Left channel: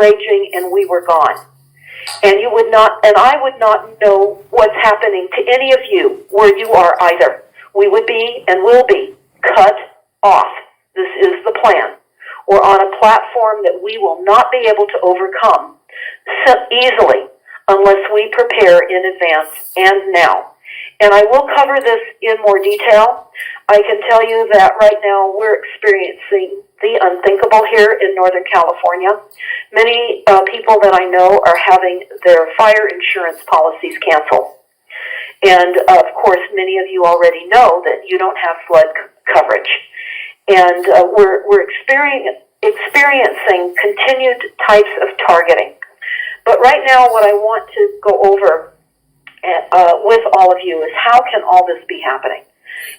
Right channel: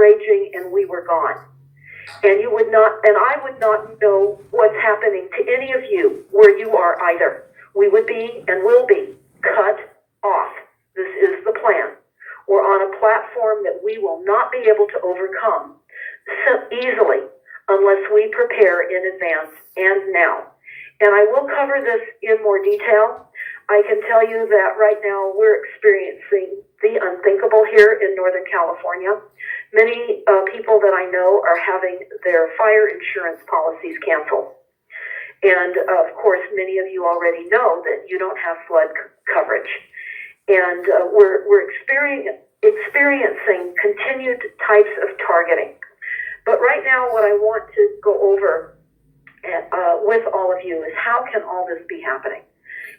raging and we were gone. And you would not, and I would not know what's happening to any of you where you are either. We would be and will be cut off. This is the plan. We're on a platform that we will not be able to overcome so easily unless we prepare in advance and now. And I will cover this in more detail. I can tell you that right now we're experiencing the unthinkable here in Northern California. Many people that I know are having their fire insurance policies canceled. And of course, many of you already know that you don't have flood coverage. And we're experiencing continued types of targeting. But right now, what I want to go over with all of you is how can all this be happening?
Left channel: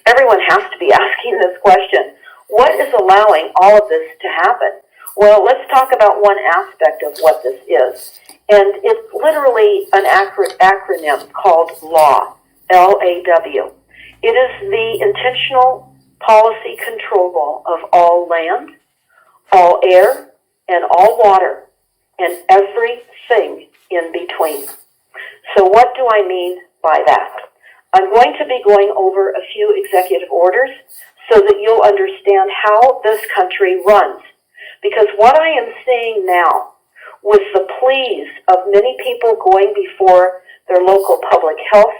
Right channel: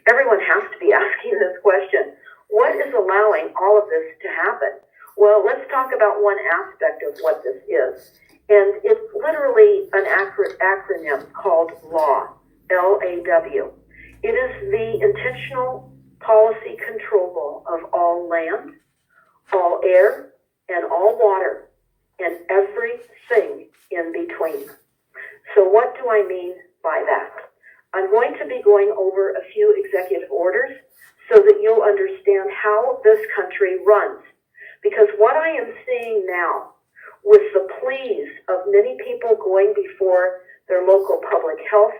Everyone has to be asking this question. What is allowing all of this to happen? Well, let's talk about one aspect of what this is. And it's literally an acronym called LAW, L-A-W. It is the intentional policy control of all land, all air, and all water, and everything in between. So what do I mean by that? I'm going to be going over a few executive orders so that you'll understand how this country runs. Because what I am seeing now, with the pleas of many people going before their local public health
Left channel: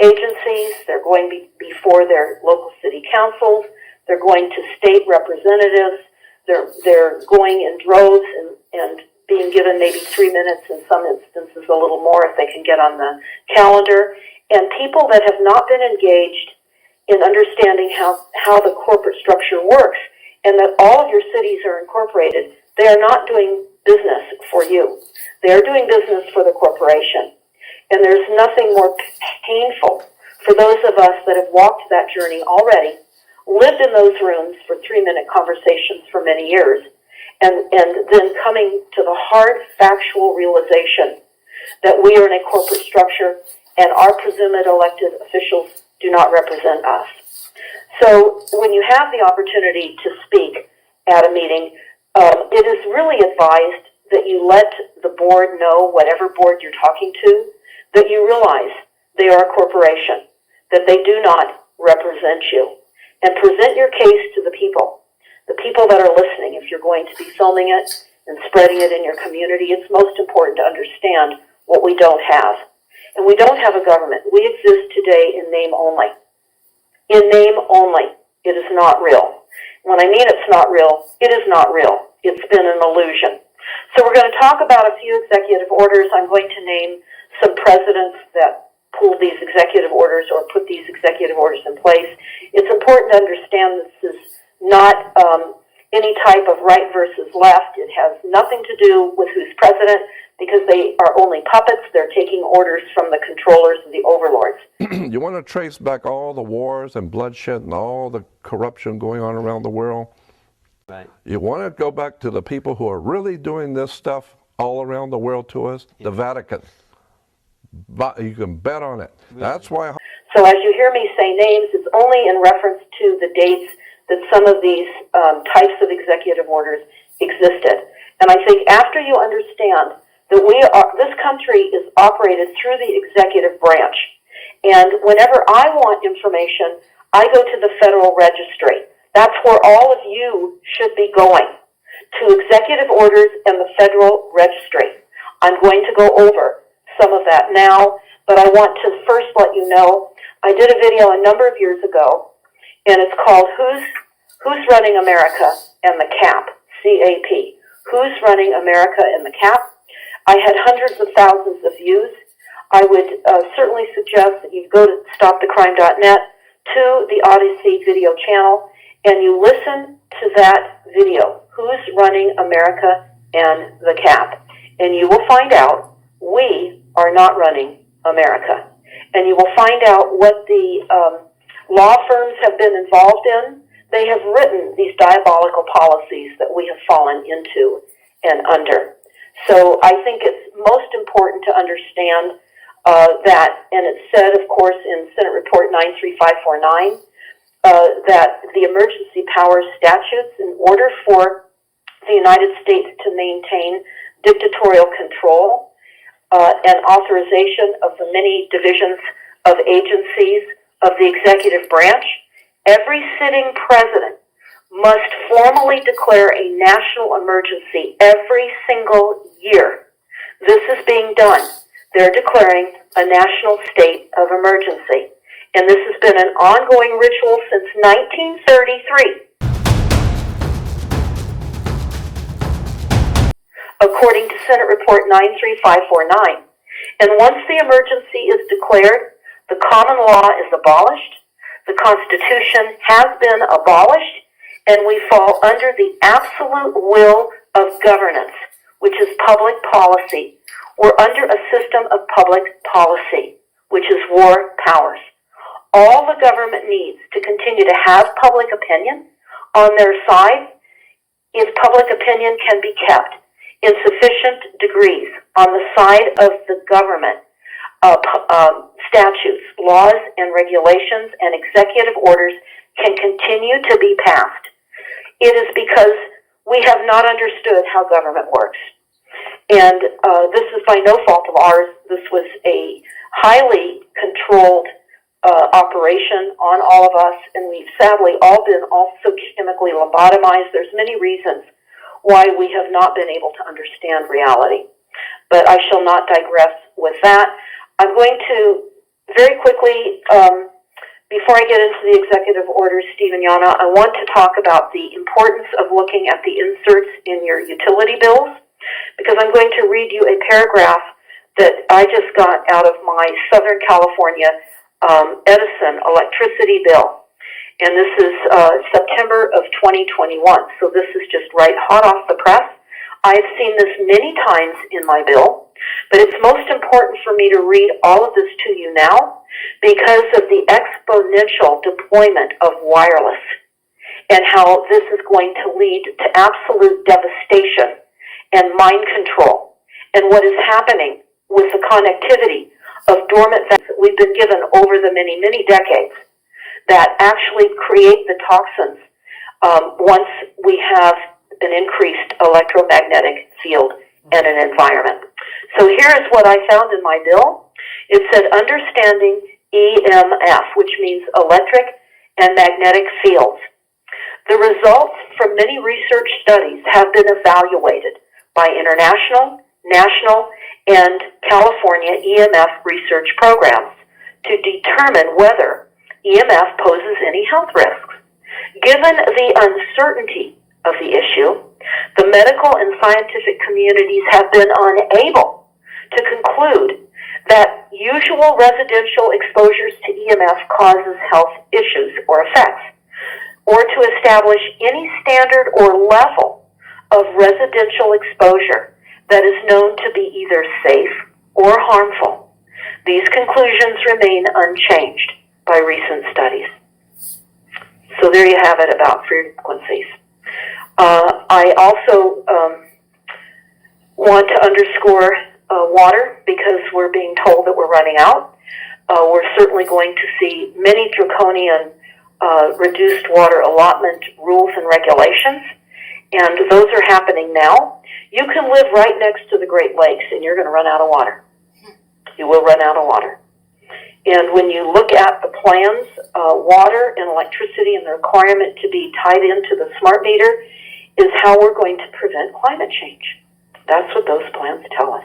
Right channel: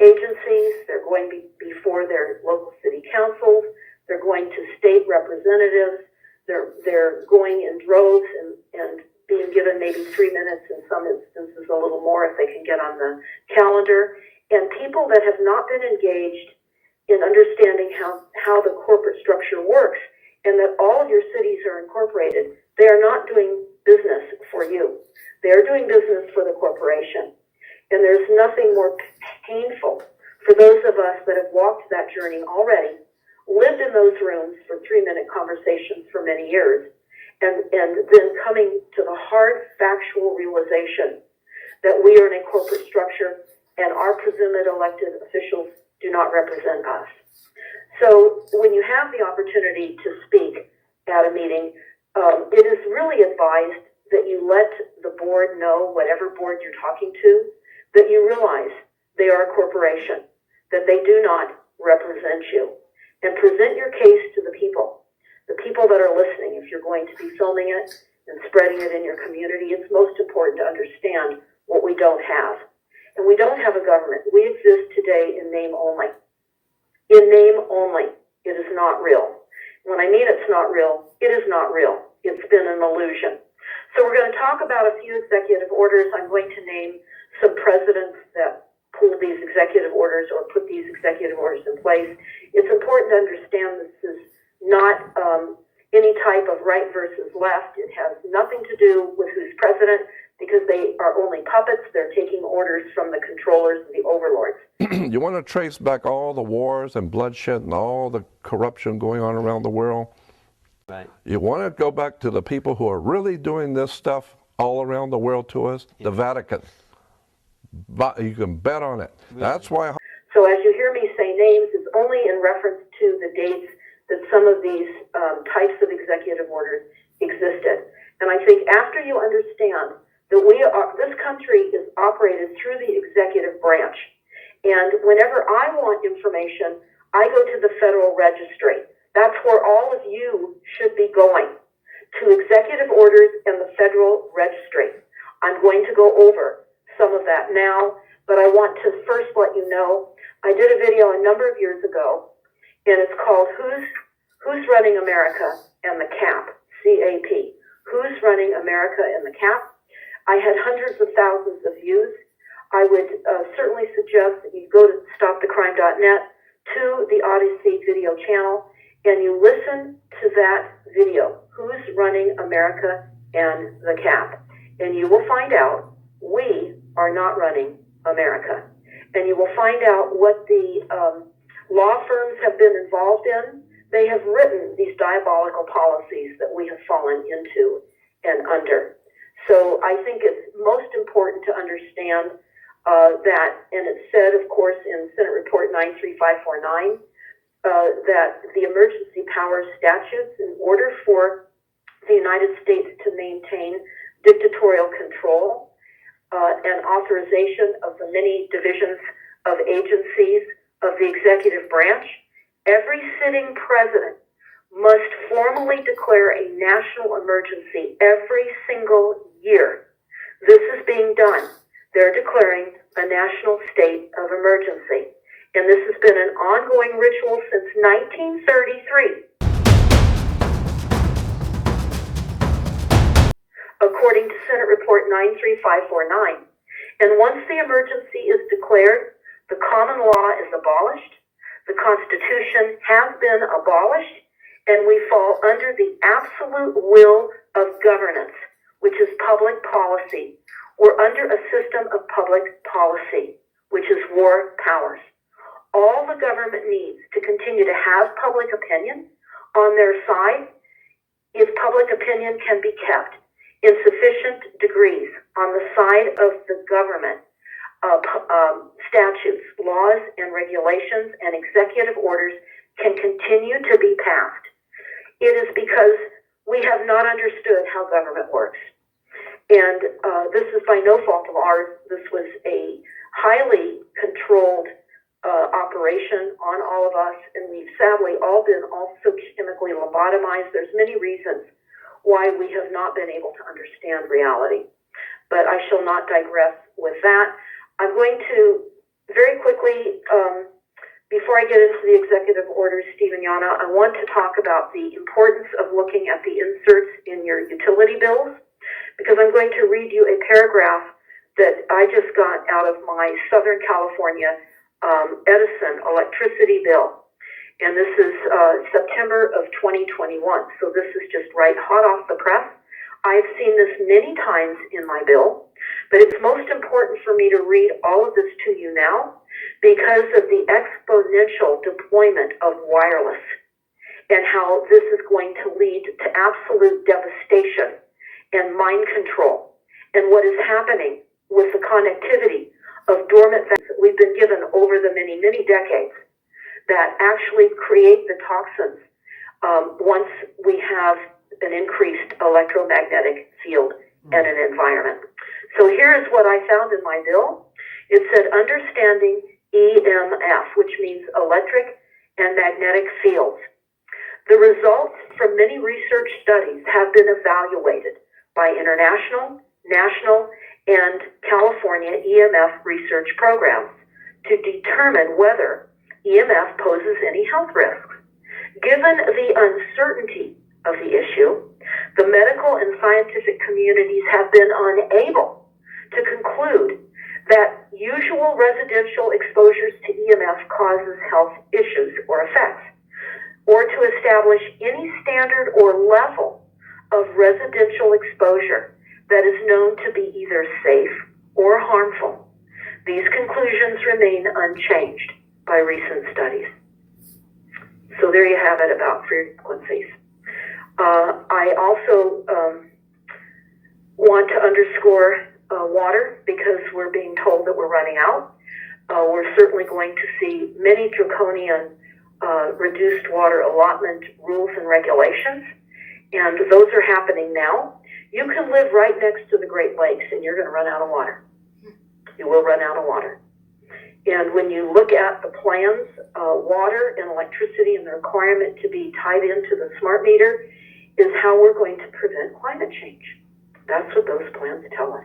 agencies, they're going before their local city councils, they're going to state representatives, they're going in droves and being given maybe 3 minutes, in some instances a little more if they can get on the calendar. And people that have not been engaged in understanding how the corporate structure works and that all of your cities are incorporated, they are not doing business for you. They're doing business for the corporation. And there's nothing more painful for those of us that have walked that journey already, lived in those rooms for 3-minute conversations for many years, and then coming to the hard factual realization that we are in a corporate structure and our presumed elected officials do not represent us. So when you have the opportunity to speak at a meeting, it is really advised that you let the board know, whatever board you're talking to, that you realize they are a corporation, that they do not represent you, and present your case to the people that are listening. If you're going to be filming it and spreading it in your community, it's most important to understand what we don't have. And we don't have a government. We exist today in name only. In name only. It is not real. When I mean it's not real, it is not real. It's been an illusion. So we're going to talk about a few executive orders. I'm going to name some presidents that pulled these executive orders or put these executive orders in place. It's important to understand this is not any type of right versus left. It has nothing to do with who's president because they are only puppets. They're taking orders from the controllers and the overlords. You want to trace back all the wars and bloodshed and all the corruption going on around the world? Right. You want to go back to the people who are really doing this stuff all around the world to us? Yeah. The Vatican. But you can bet on it. Really? That's why. So as you hear me say names, it's only in reference to the dates that some of these types of executive orders existed. And I think after you understand that this country is operated through the executive branch, and whenever I want information, I go to the Federal Registry. That's where all of you should be going, to executive orders and the Federal Registry. I'm going to go over some of that now, but I want to first let you know, I did a video a number of years ago, and it's called Who's Running America and the Cap, C-A-P. Who's Running America and the Cap? I had hundreds of thousands of views. I would certainly suggest that you go to stopthecrime.net to the Odyssey video channel and you listen to that video, Who's Running America and the Cap? And you will find out we are not running America. And you will find out what the law firms have been involved in. They have written these diabolical policies that we have fallen into and under. So I think it's most important to understand that, and it's said, of course, in Senate Report 93549, that the emergency powers statutes, in order for the United States to maintain dictatorial control, and authorization of the many divisions of agencies of the executive branch, every sitting president must formally declare a national emergency every single year. This is being done. They're declaring a national state of emergency. And this has been an ongoing ritual since 1933. According to Senate Report 93549. And once the emergency is declared, the common law is abolished, the Constitution has been abolished, and we fall under the absolute will of governance, which is public policy. We're under a system of public policy, which is war powers. All the government needs to continue to have public opinion on their side if public opinion can be kept in sufficient degrees on the side of the government. Statutes, laws, and regulations and executive orders can continue to be passed. It is because we have not understood how government works. And this is by no fault of ours. This was a highly controlled operation on all of us, and we've sadly all been also chemically lobotomized. There's many reasons why we have not been able to understand reality. But I shall not digress with that. I'm going to very quickly, before I get into the executive orders, Steve and Yana, I want to talk about the importance of looking at the inserts in your utility bills, because I'm going to read you a paragraph that I just got out of my Southern California Edison electricity bill. And this is September of 2021, so this is just right hot off the press. I've seen this many times in my bill, but it's most important for me to read all of this to you now because of the exponential deployment of wireless and how this is going to lead to absolute devastation and mind control, and what is happening with the connectivity of dormant vents that we've been given over the many, many decades that actually create the toxins once we have an increased electromagnetic field and an environment. So here is what I found in my bill. It said understanding EMF, which means electric and magnetic fields. The results from many research studies have been evaluated by international, national, and California EMF research programs to determine whether EMF poses any health risks. Given the uncertainty of the issue, the medical and scientific communities have been unable to conclude that usual residential exposures to EMF causes health issues or effects, or to establish any standard or level of residential exposure that is known to be either safe or harmful. These conclusions remain unchanged by recent studies. So there you have it about frequencies. I also want to underscore water, because we're being told that we're running out. We're certainly going to see many draconian reduced water allotment rules and regulations, and those are happening now. You can live right next to the Great Lakes and you're going to run out of water. You will run out of water. And when you look at the plans, water and electricity and the requirement to be tied into the smart meter is how we're going to prevent climate change. That's what those plans tell us.